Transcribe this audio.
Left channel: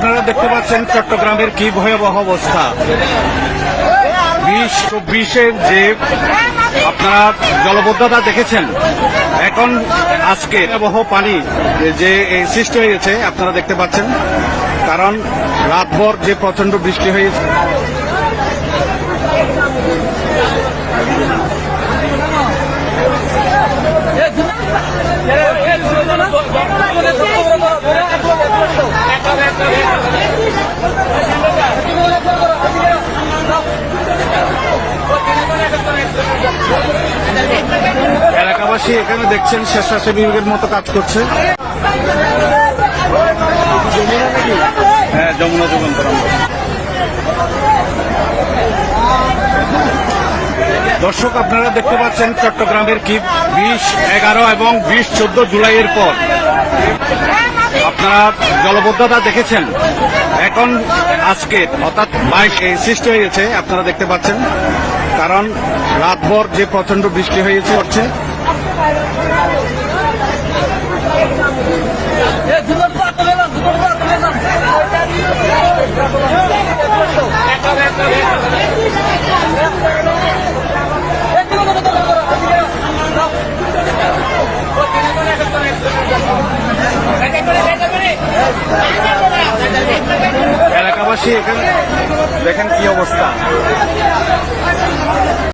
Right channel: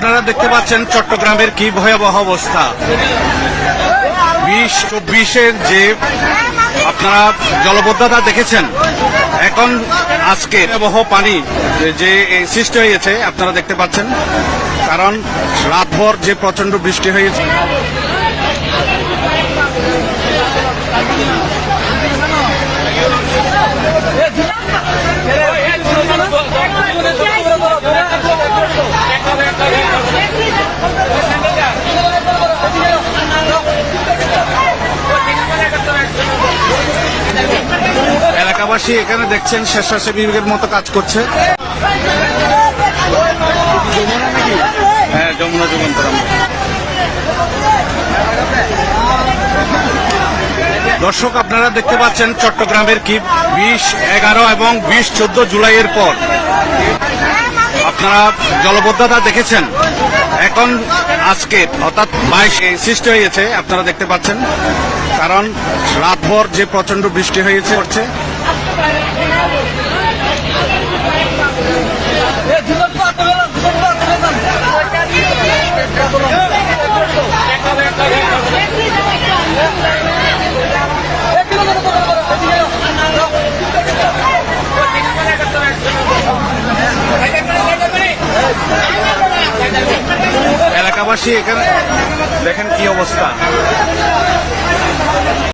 আপনারা দেখতে পাচ্ছেন চট্টগ্রামের কি ভয়াবহ অবস্থা। 2024-এর যে আপনারা জলবদ্ধতা দেখেছেন, এখন আজকে ভয়াবহ পানি যে সৃষ্টি হয়েছে আপনারা দেখতে পাচ্ছেন, কারণ রাতভর যে প্রচন্ড বৃষ্টি হয়েছে। এলাকাবাসী এখানে দেখছেন স্বেচ্ছাসেবীর মতো কাজ করছে। হ্যাঁ, যমুনা যুগান্তর। দর্শক, আপনারা দেখতে পাচ্ছেন চট্টগ্রামের কি 20, 11 এবং 20, 14 জুলাইয়ের পর আপনারা জলবদ্ধতা দেখেছেন, এখন আজকে অর্থাৎ 22 সৃষ্টি হয়েছে আপনারা দেখতে পাচ্ছেন, কারণ রাতভর যে প্রচন্ড বৃষ্টি হয়েছে। এলাকাবাসী এখানে দেখেন কি অবস্থা।